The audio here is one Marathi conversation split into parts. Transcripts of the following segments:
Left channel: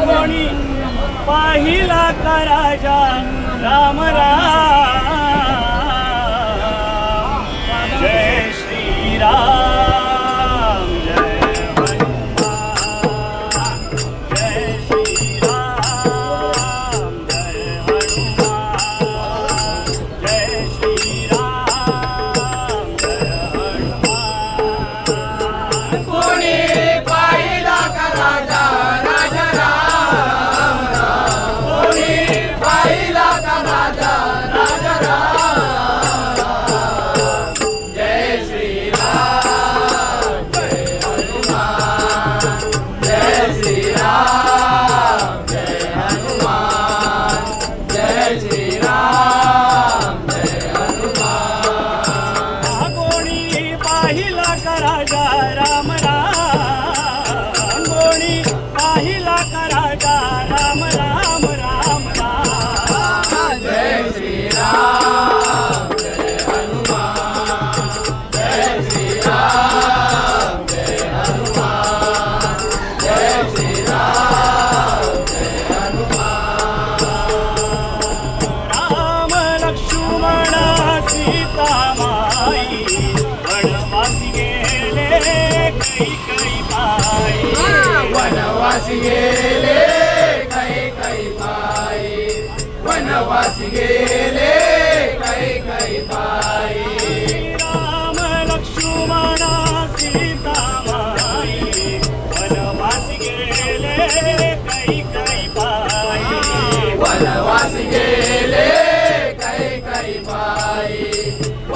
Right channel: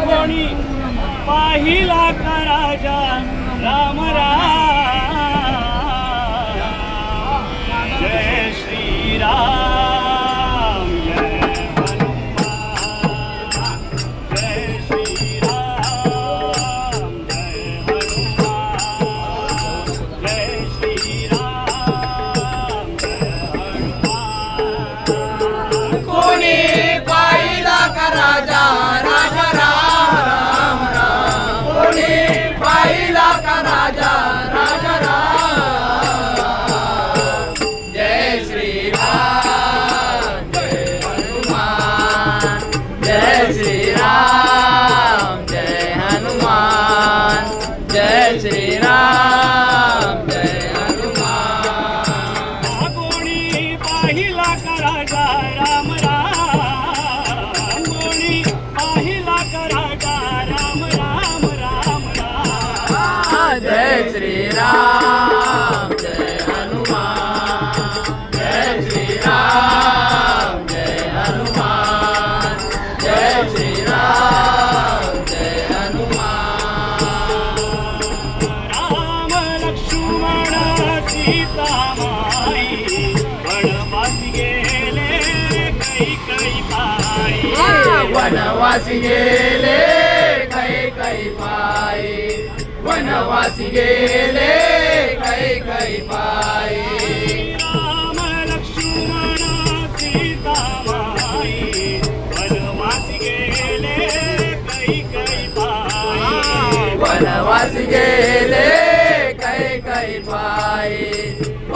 कोणी पाहिला का राजा राम राम. जय श्रीराम जय कोणी वनवासी गेले कै कै बाई वनवासी गेले कै कै पायी वनवासी गेले कै कै पायी राम लक्ष्मण सीता माई वनवासी गेले कै कै बाई वनवासी गेले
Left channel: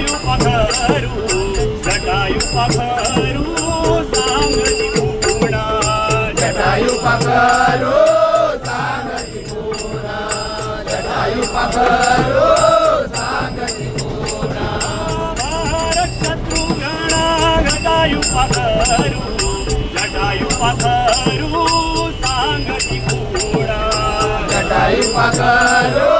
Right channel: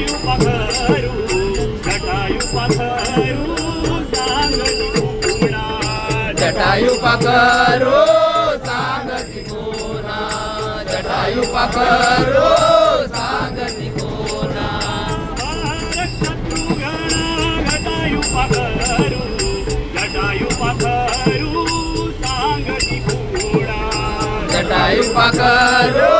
जटायु पथरू जटायु पथरू सांगती गुणा जटायु पकरो सांगती कोणा जटायु पकरो सांगती कोणा शत्रुघ्न जटायु पथरू जटायु पथरू जटायु पकरो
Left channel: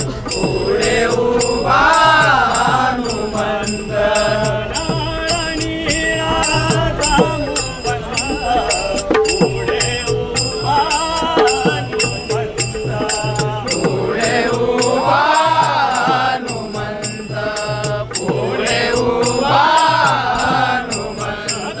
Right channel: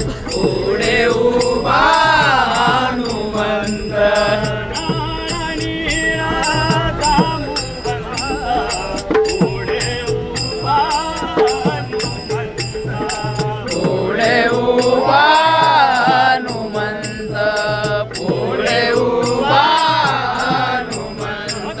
पुढे उभा हनुमंत पुढे उभा हनुमंत पुढे उभा हनुमंत